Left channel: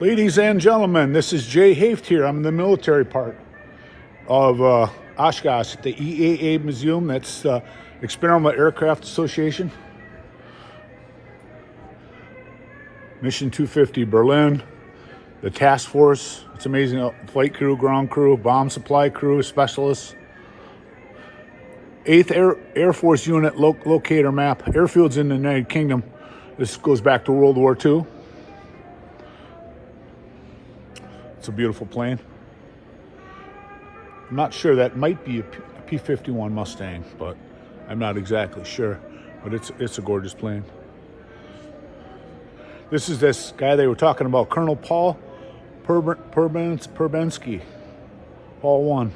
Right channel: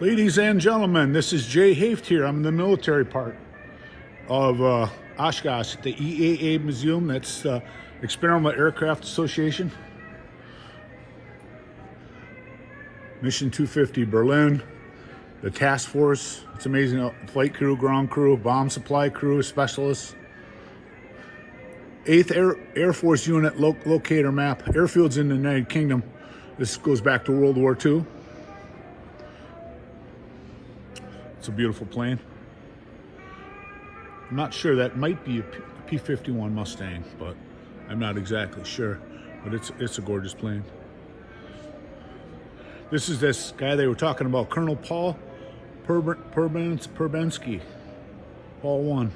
Ladies and gentlemen, this is Jay Haft here. I'm in the military part of Oshkosh at the EAA Museum. That's Experimental Aircraft Association. Mission 250 Berlin, the task force. It's amazing. Flight crew, ground crew, bomb supply crew, specialists. 8th Air Force Unit locator map. Airfields in the United Kingdom. This goes back to World War II. It's a beautiful plane. I'm not sure, that might be a P-51 Mustang, but I'm not exactly sure. But it's a gorgeous plane. This is this guy they were talking about, Colonel Paul Perbensky, Paul 1.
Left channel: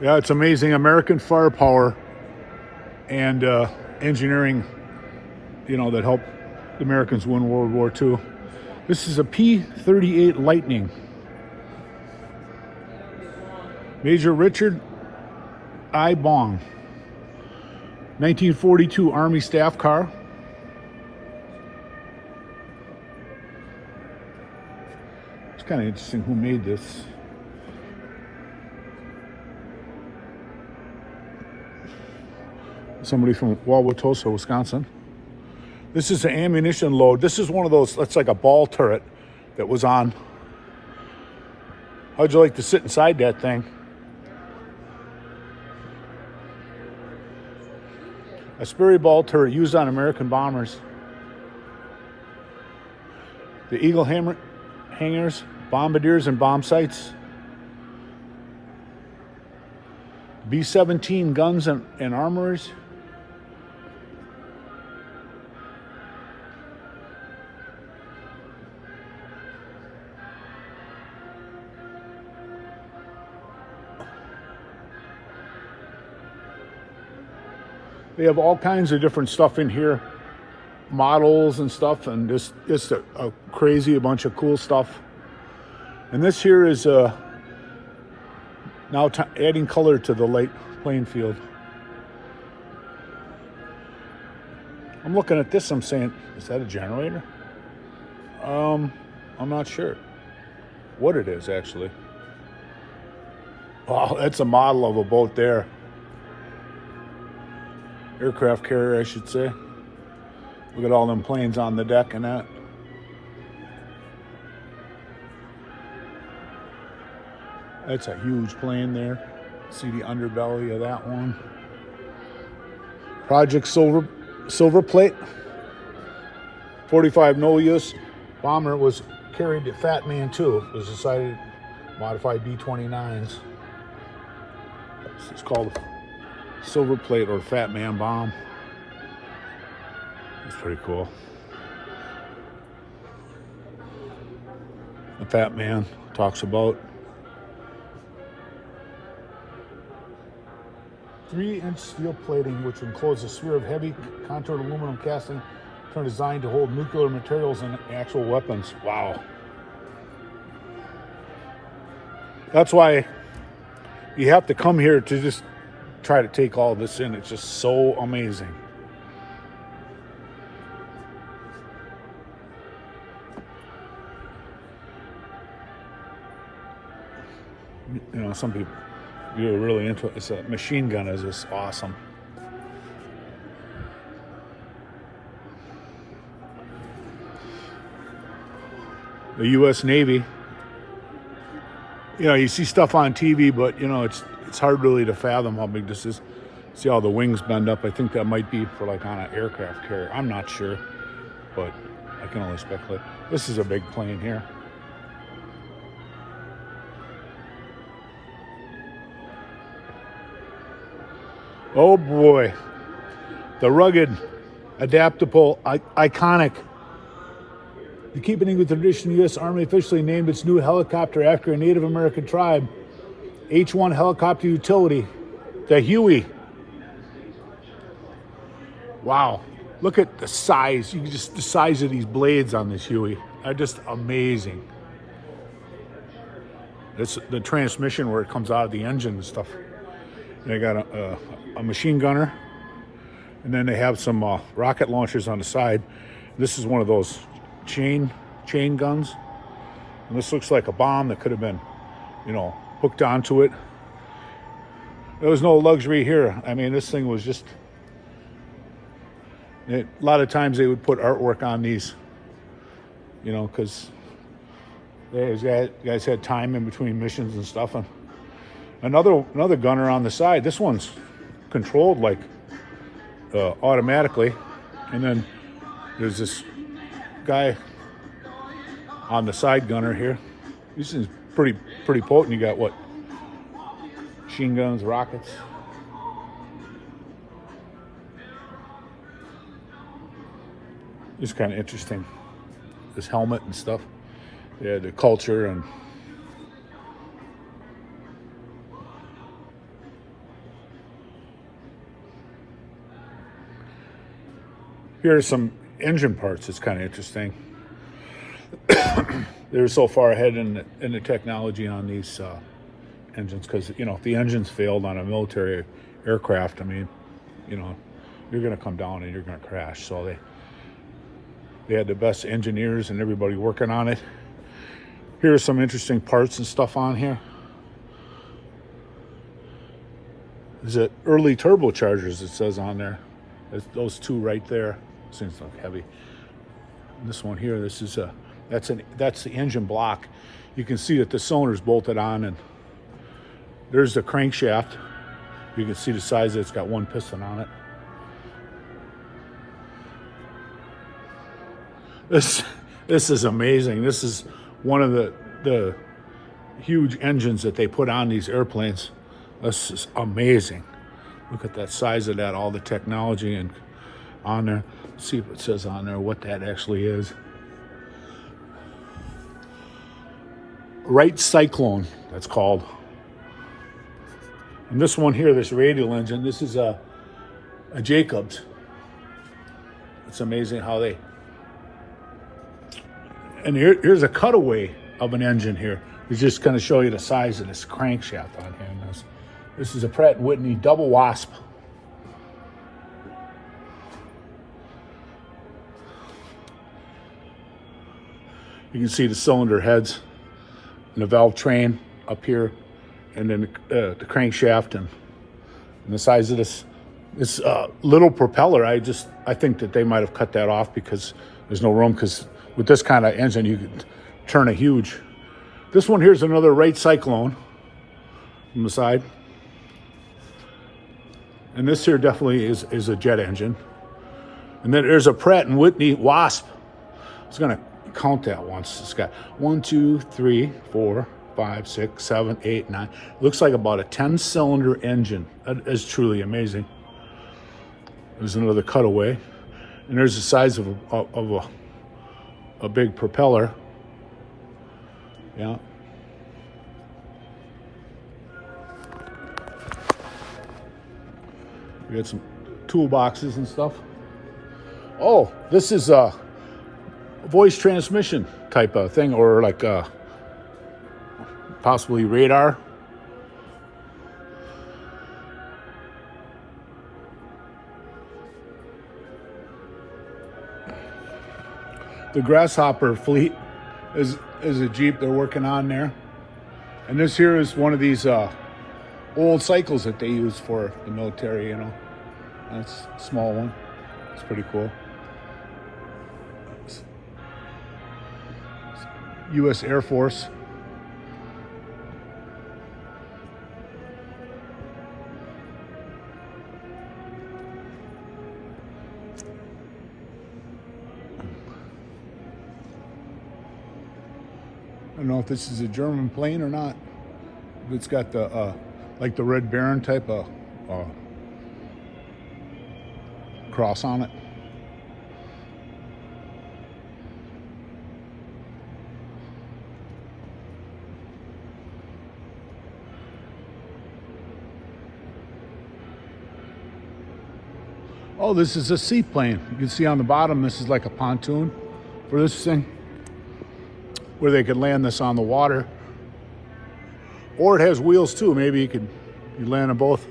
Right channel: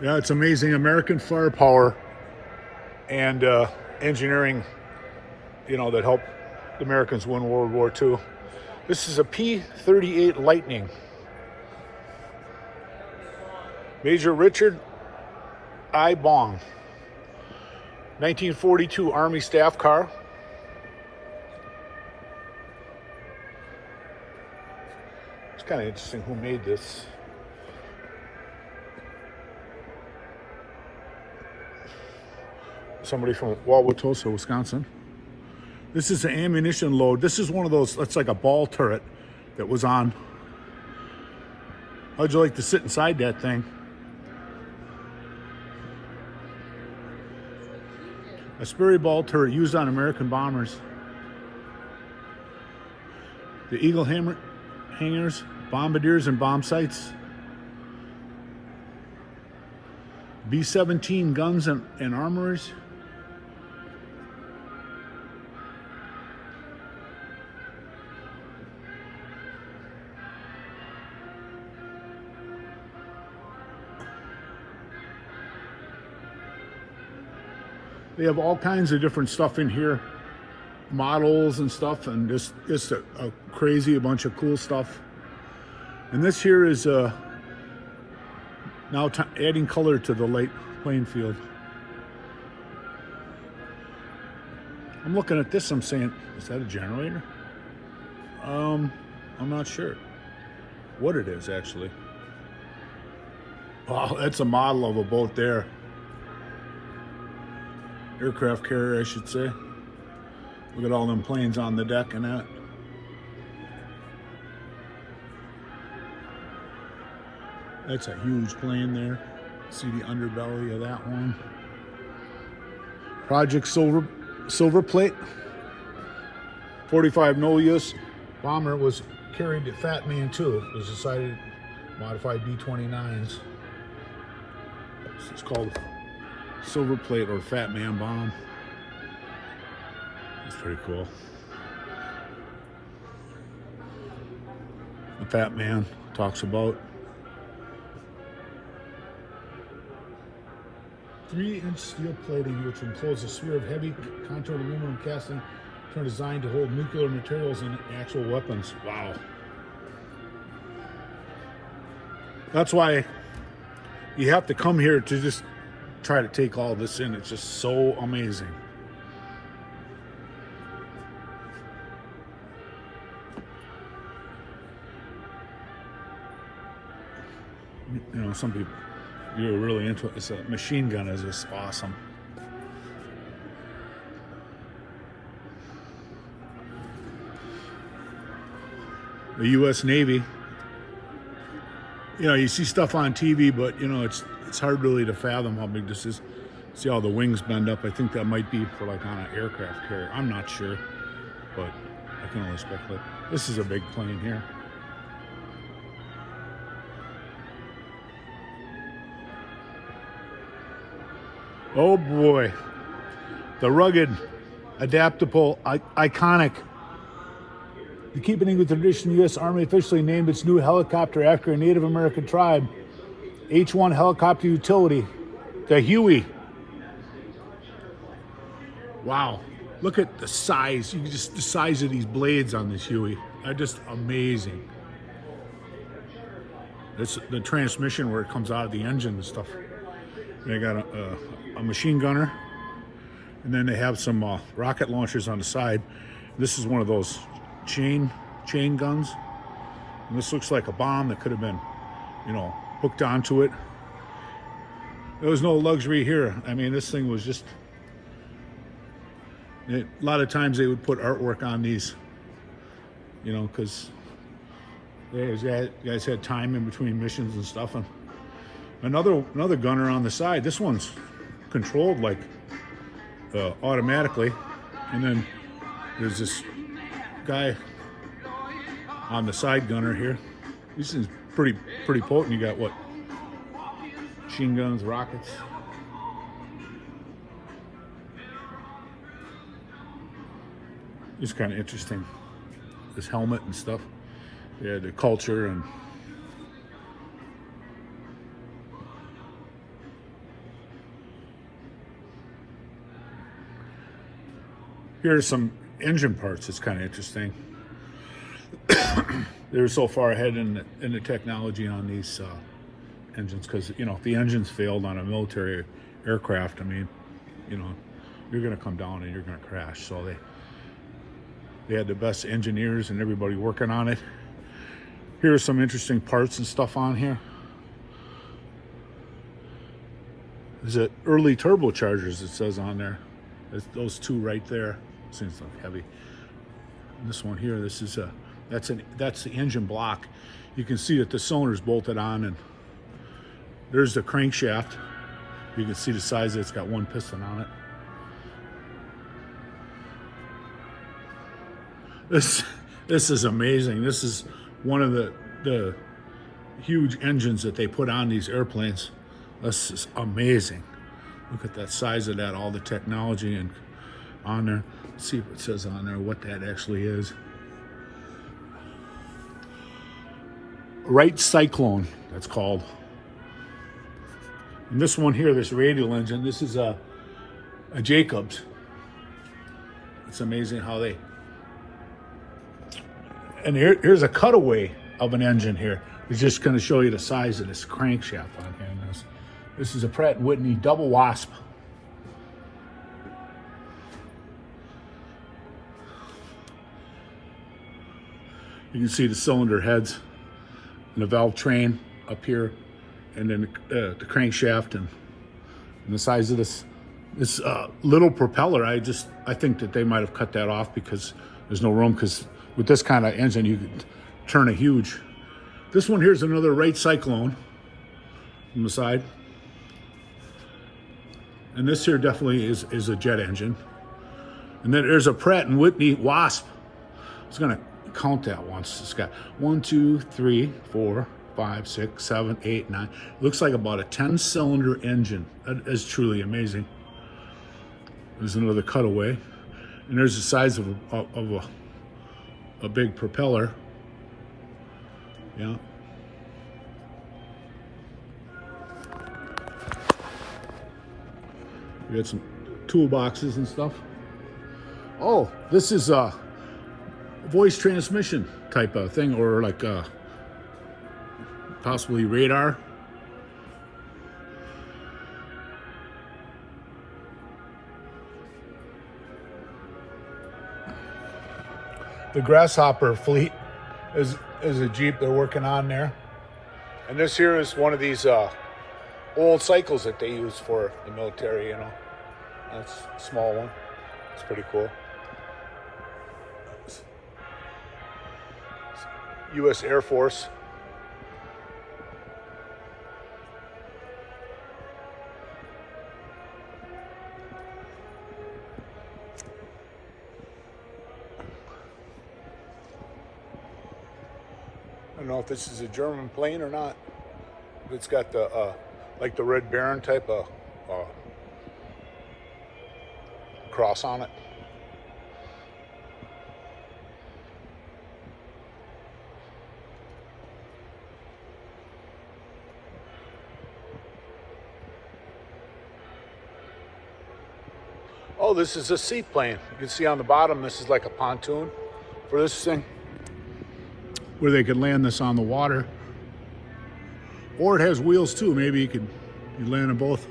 Yeah, it's amazing. American firepower and engineering, that helped the Americans win World War II. This is a P-38 Lightning. Major Richard I. Bong. 1942 Army staff car. It's kind of interesting who made this. Somebody from Wauwatosa, Wisconsin. This is an ammunition load. This is one of those, that's like a ball turret that was on. How'd you like to sit inside that thing? A Sperry ball turret used on American bombers. The Eagle hangars, bombardiers, and bomb sites. B-17 guns and armories. They have all kinds of different stuff in here, models and stuff, and just a crazy bunch of cool stuff. And this here is now adding color to the light playing field. I'm looking at this, I'm saying, is that a generator? I'm not sure what it is actually. Oh, that's a model of a boat there. Aircraft carrier, I should say. Look at all them planes on the deck and that. That's a huge plane there. See the underbelly of that one. Project Silver Plate. 45 no-use bomber was carried to Fat Man 2. It was decided modified B-29s. It's called Silver Plate or Fat Man bomb. It's pretty cool. The Fat Man talks about 3-inch steel plating, which encloses a sphere of heavy contoured aluminum casting designed to hold nuclear materials and actual weapons. Wow. That's why you have to come here to just try to take all this in. It's just so amazing. Some people, you're really into it. It's a machine gun is just awesome. The U.S. Navy. You see stuff on TV, but it's hard really to fathom how big this is. See how the wings bend up. I think that might be for like on an aircraft carrier. I'm not sure, but I can only speculate. This is a big plane here. Oh boy, the rugged, adaptable, iconic. To keep in with the tradition, the U.S. Army officially named its new helicopter after a Native American tribe, H-1 helicopter utility, the Huey. Wow, look at the size. The size of these blades on this Huey. are just amazing. It's the transmission where it comes out of the engine and stuff. They got a machine gunner, and then they have some rocket launchers on the side. This is one of those chain guns, and this looks like a bomb that could have been, you know, hooked onto it. There was no luxury here. I mean, this thing was just. A lot of times they would put artwork on these, you know, because guys had time in between missions and stuff. And another gunner on the side. This one's controlled like automatically, and then there's this guy on the side gunner here. This is pretty potent. You got what? Machine guns, rockets. It's kind of interesting. This helmet and stuff. Yeah, the culture and. Here are some engine parts. It's kind of interesting. They're so far ahead in the technology on these engines because, you know, if the engines failed on a military aircraft, I mean, you know, you're going to come down and you're going to crash. So they had the best engineers and everybody working on it. Here are some interesting parts and stuff on here. There's an early turbochargers, it says on there. There's those two right there. Seems like heavy. This one here, this is that's the engine block. You can see that the cylinder's bolted on, and there's the crankshaft. You can see the size. It's got one piston on it. This is amazing. This is one of the huge engines that they put on these airplanes. This is amazing. Look at that size of that, all the technology and on there. Let's see if it says on there what that actually is. Wright Cyclone, that's called. And this one here, this radial engine, this is a Jacobs. It's amazing how they. And here's a cutaway of an engine here. It's just going to show you the size of this crankshaft on here. This is a Pratt & Whitney double wasp. You can see the cylinder heads and the valve train up here, and then the crankshaft and the size of this little propeller. I think that they might have cut that off because there's no room, because with this kind of engine you could turn a huge. This one here is another Wright Cyclone on the side. And this here definitely is a jet engine. And then there's a Pratt & Whitney Wasp. I was going to count that once. It's got 1, 2, 3, 4, 5, 6, 7, 8, 9. Looks like about a 10-cylinder engine. That is truly amazing. There's another cutaway. And there's the size of a big propeller. Yeah. We got some toolboxes and stuff. Oh, this is a voice transmission type of thing, or like possibly radar. The Grasshopper fleet is a Jeep they're working on there. And this here is one of these old cycles that they use for the military, you know. It's a small one. It's pretty cool. It's U.S. Air Force. I don't know if this is a German plane or not. It's got the like the Red Baron type of cross on it. Oh, this is a seaplane. You can see on the bottom, this is like a pontoon for this thing. where they could land this on the water. Or it has wheels too. Maybe you land on both.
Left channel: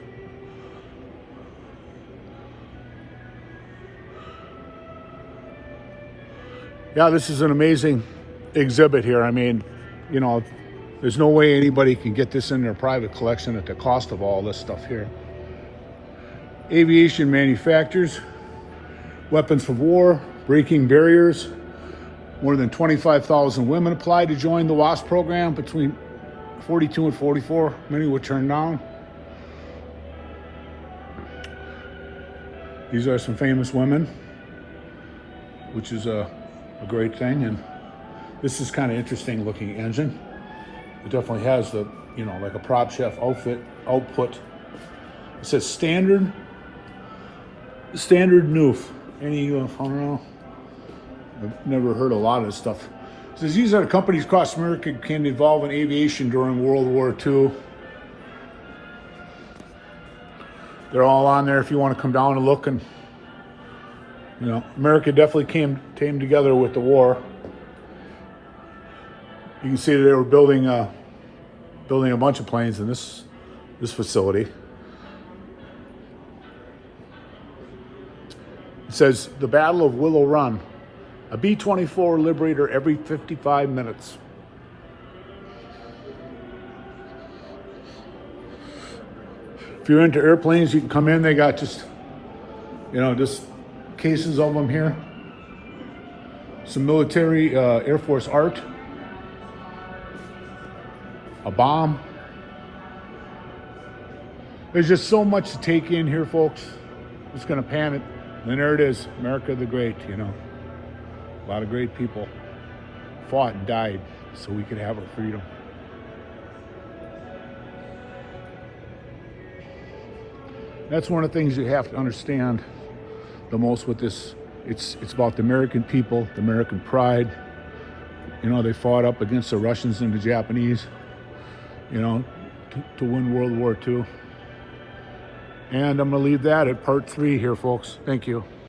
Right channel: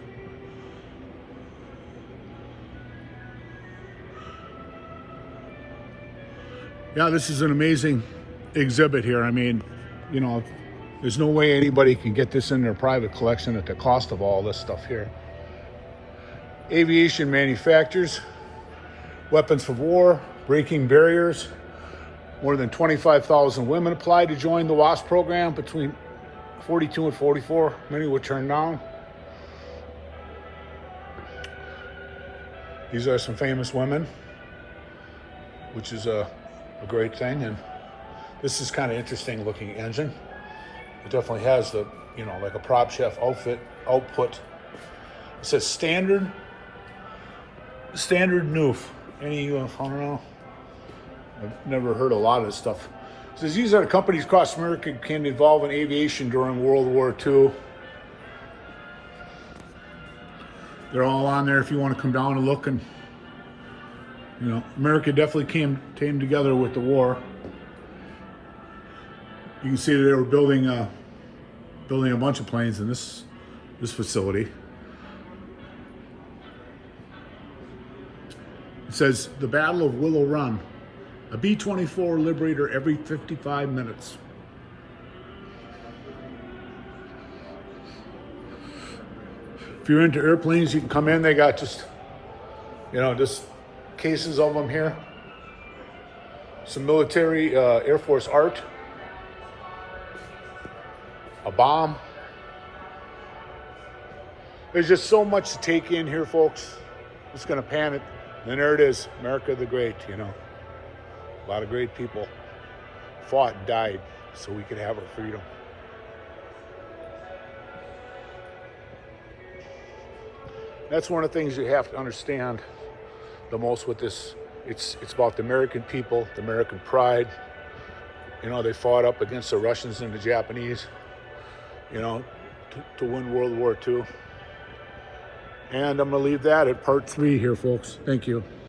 Yeah, this is an amazing exhibit here. I mean, you know, there's no way anybody can get this in their private collection at the cost of all this stuff here. Aviation manufacturers, weapons for war, breaking barriers. More than 25,000 women applied to join the WASP program between 42 and 44, many would turn down. These are some famous women, which is a great thing. And this is kind of interesting looking engine. It definitely has the, you know, like a prop chef output. It says standard noof. I've never heard a lot of this stuff. It says these are companies across America became involved in aviation during World War II. They're all on there if you want to come down and look. And you know, America definitely came together with the war. You can see that they were building a bunch of planes in this facility. It says the Battle of Willow Run, a B-24 Liberator every 55 minutes. If you're into airplanes, you can come in. They got just, you know, just cases of them here. Some military Air Force art. A bomb. There's just so much to take in here, folks. It's gonna panic. And there it is, America the Great. You know, a lot of great people fought and died so we can have our freedom. That's one of the things you have to understand the most with this. It's about the American people, the American pride. You know, they fought up against the Russians and the Japanese, you know, to win World War II. And I'm going to leave that at part 3 here, folks. Thank you.